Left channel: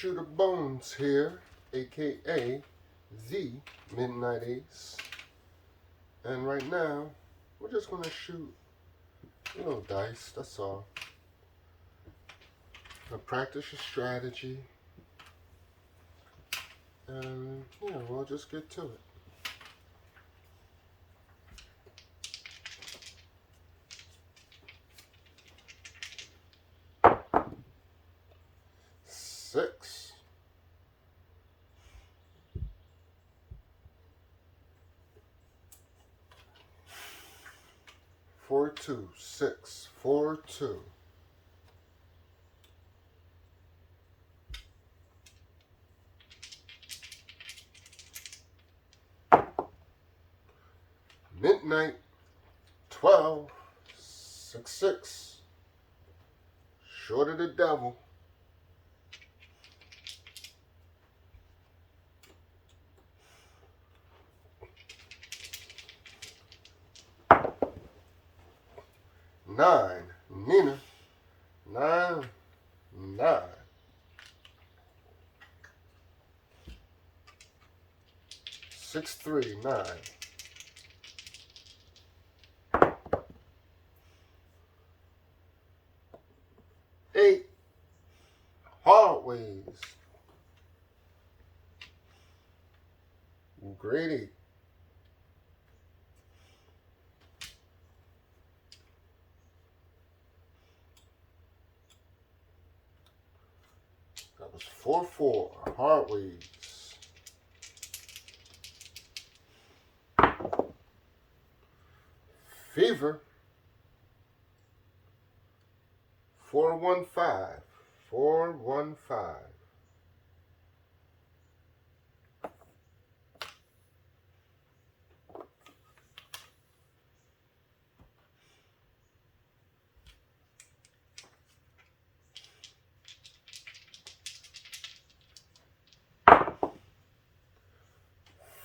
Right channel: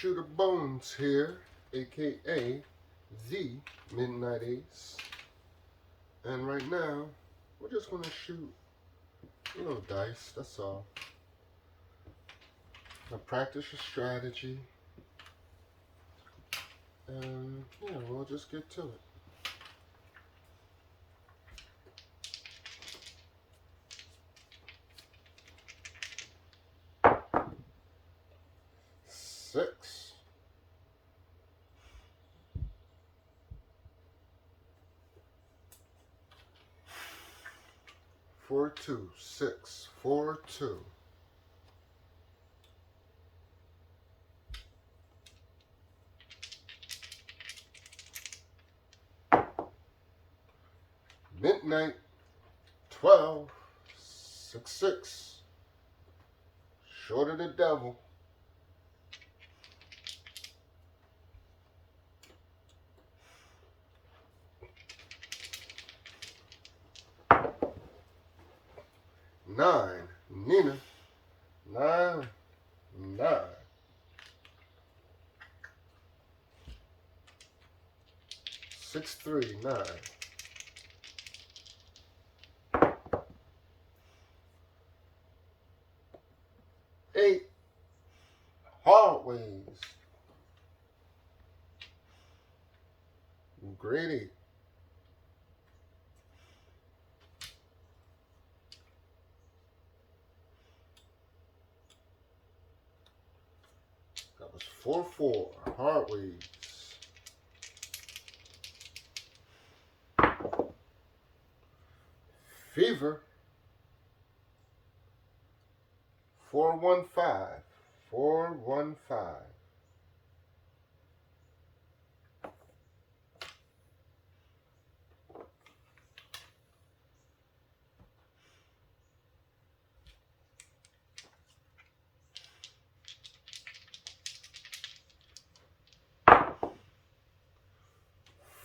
Shooter Bones here, aka the Midnight Ace. And right now, we're just going to shoot a little dice, that's all. Now practice your strategy. And yeah, we'll just get to it. Six. Four, two, 6, 4, 2. Midnight, 12, 6, 6. Short of the devil. Nine, Nina, 9, 9. 6, 3, 9. 8, hard ways. Grade 8. That was 4, 4, hard ways. Fever, 415, 415.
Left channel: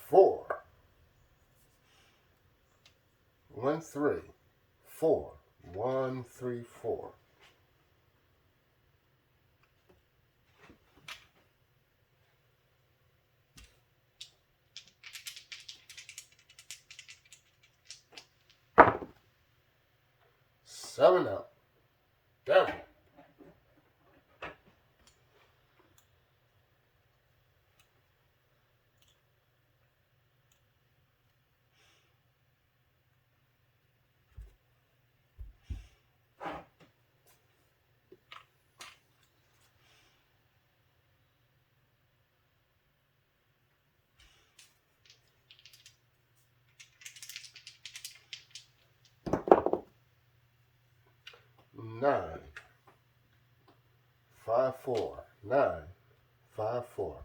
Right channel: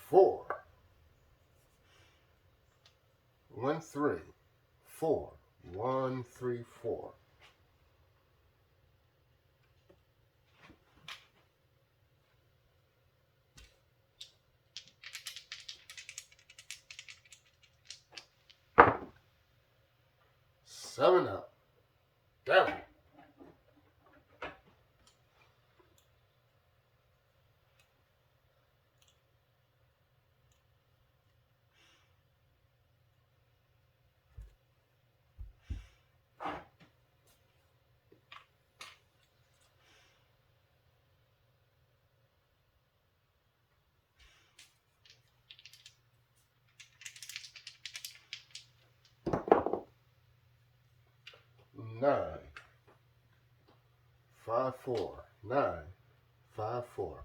Four, 1, 3, 4, 1, 3, 4. Seven out. Devil. Nine, 5, 4, 9, 5, 4.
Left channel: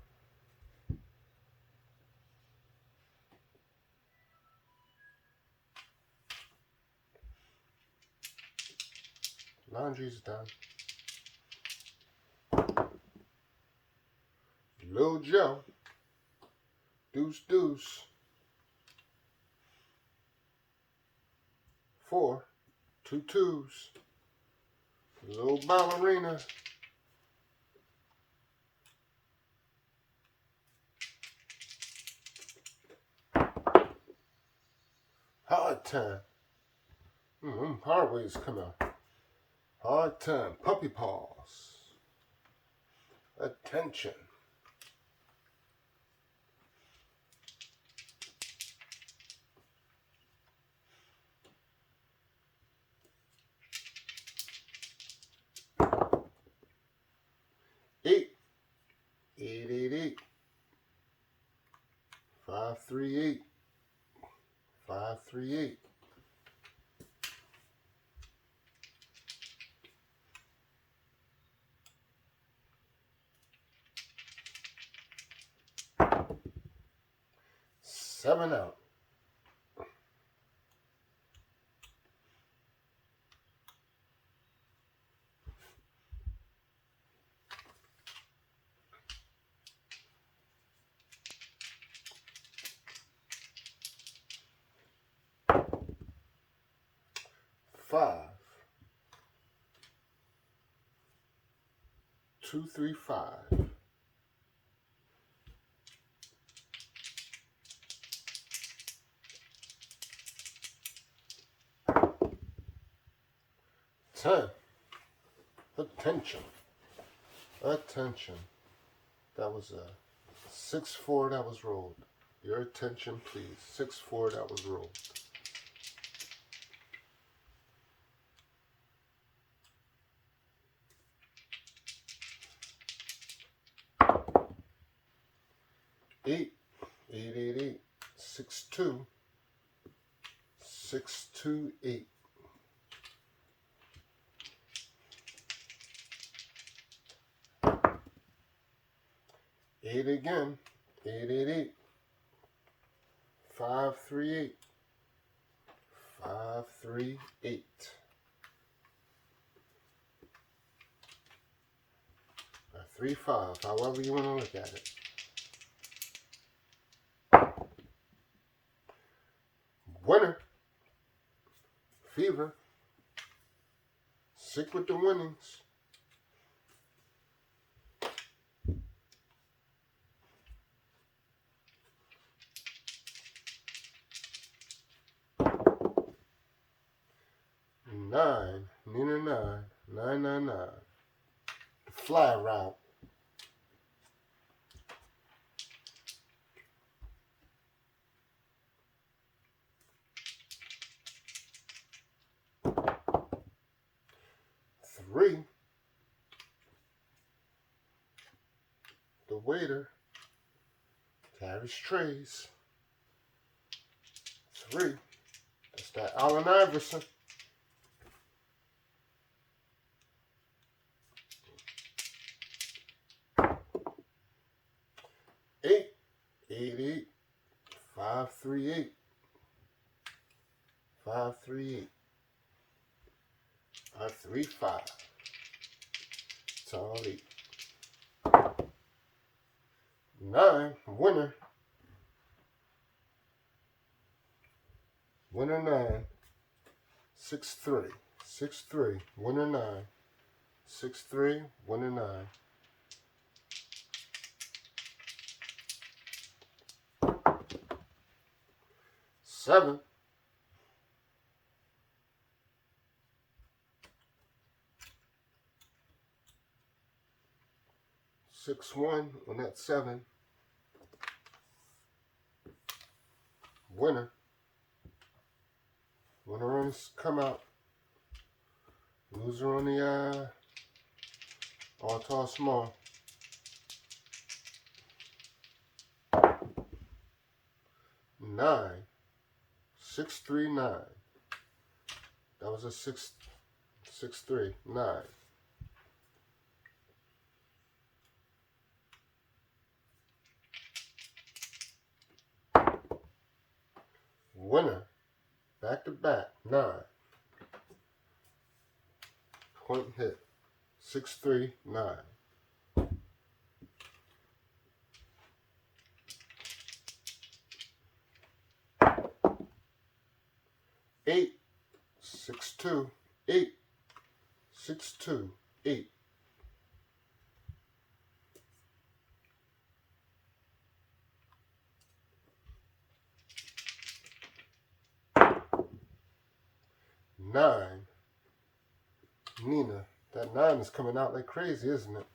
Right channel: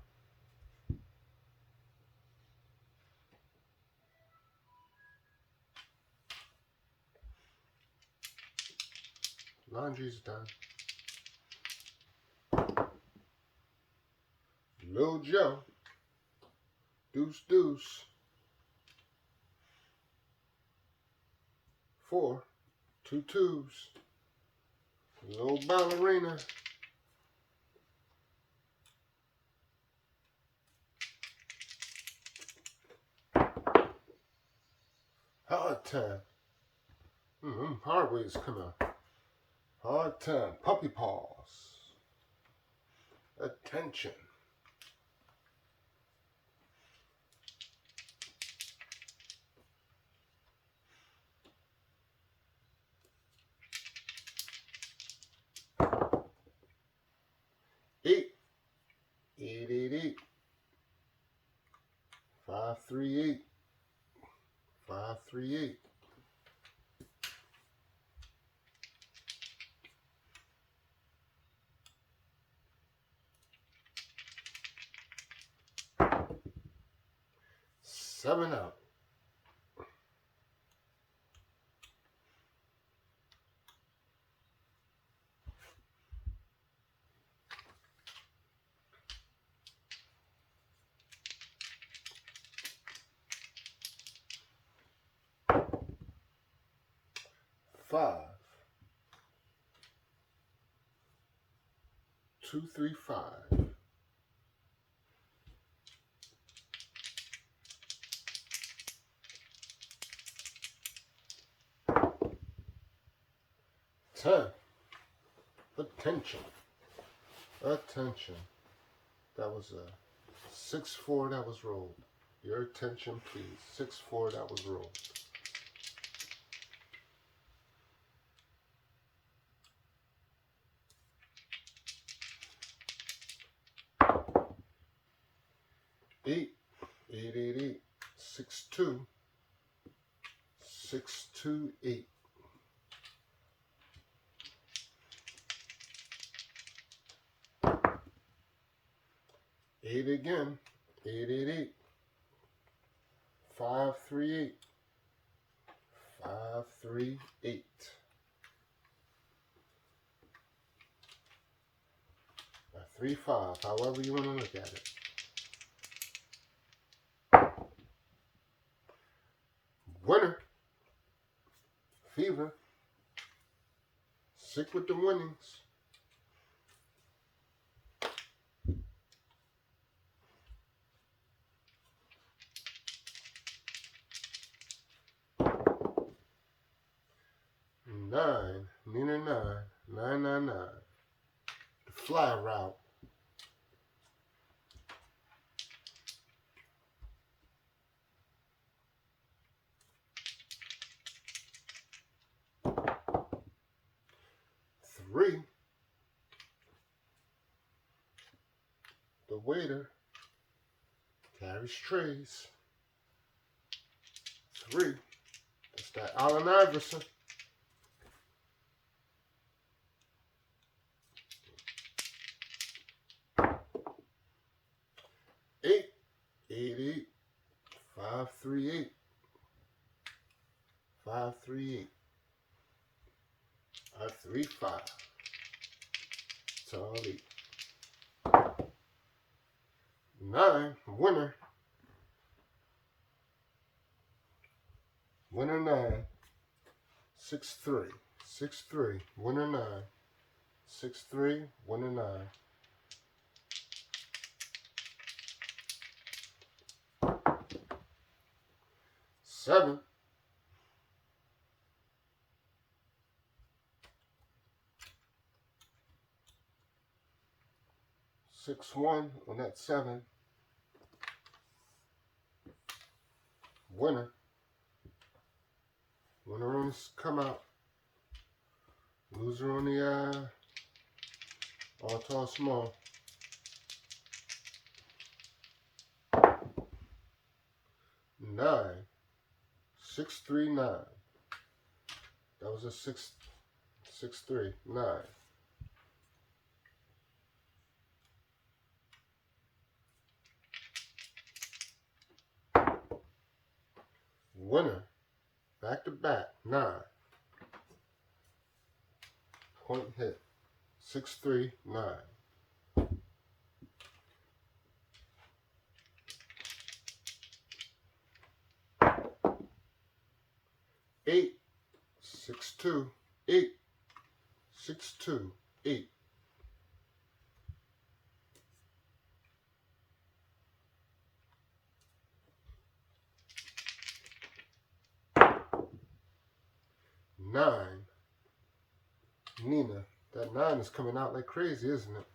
Laundry's done. Lil Joe, deuce, deuce. 4, 2, 2s. Little ballerina. Hard time. Hard ways come out. Hard time. Puppy paws. Attention. Eight. 8, 8, 8. 5, 3, 8. 5, 3, 8. Seven out. Five. 2, 3, 5. 10. Attention. Attention. That was a 6-4 that was rolled. Your attention, please. 6-4 that was rolled. Eight, 6-2, 6-2-8. 8 again, 8-8-8. 5-3-8. 5-3-8. A 3-5, however you want to look at it. Winner. Fever. Sick with the winnings. Nine, Nina 9, 999. The fly route. Three, the waiter carries trays. 3, that's that Allen Iverson. 8, 8-8, 5-3-8, 5-3-8. A 3-5. It's all 8. 9, winner. Winner 9. 6-3. 6-3. Winner 9. 6-3. Winner 9. 7. 6-1 on that 7. Winner. Winner on this come out. Loser on the all tall small. 9. 6-3-9. That was a 6-3. 9. Winner. Back to back. 9. Point hit. 6-3-9. 8. 6-2. 8. 6-2. 8. 9. Nina. That 9 is coming out like crazy, isn't it?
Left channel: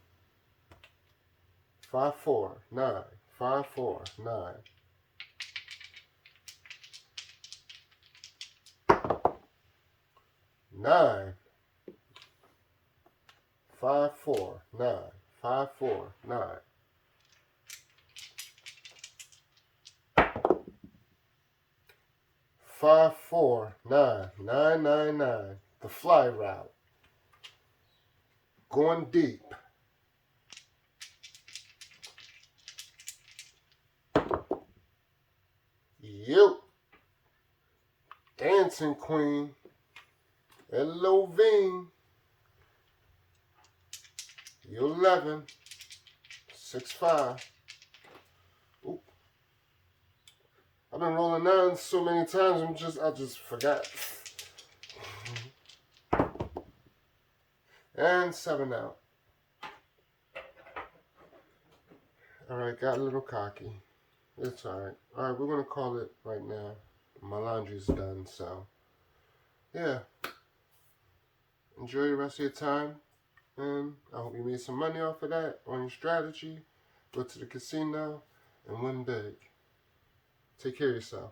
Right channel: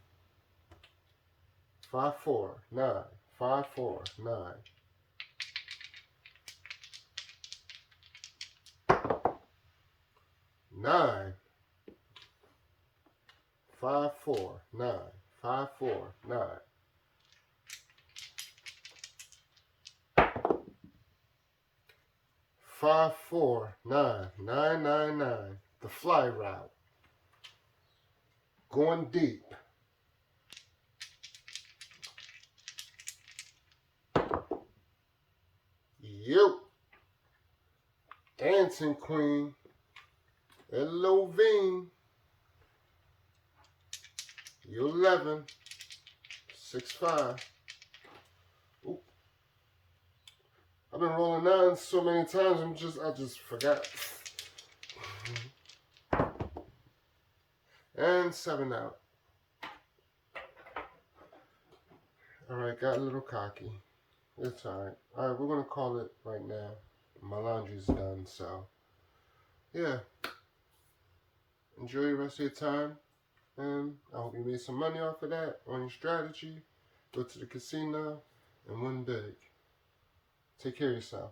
5-4. 9. 5-4. 9. 9. 5-4. 9. 5-4. 9. 5-4. 9. 9-9-9. The fly route. Going deep. Yep. Dancing Queen. Hello, Veen. You 11. 6-5. Oop. I've been rolling 9 so many times. I just forgot. And 7 out. All right, got a little cocky. It's all right. All right, we're gonna call it right now. My laundry's done, so yeah. Enjoy the rest of your time. And I hope you made some money off of that on your strategy. Go to the casino and win big. Take care of yourself.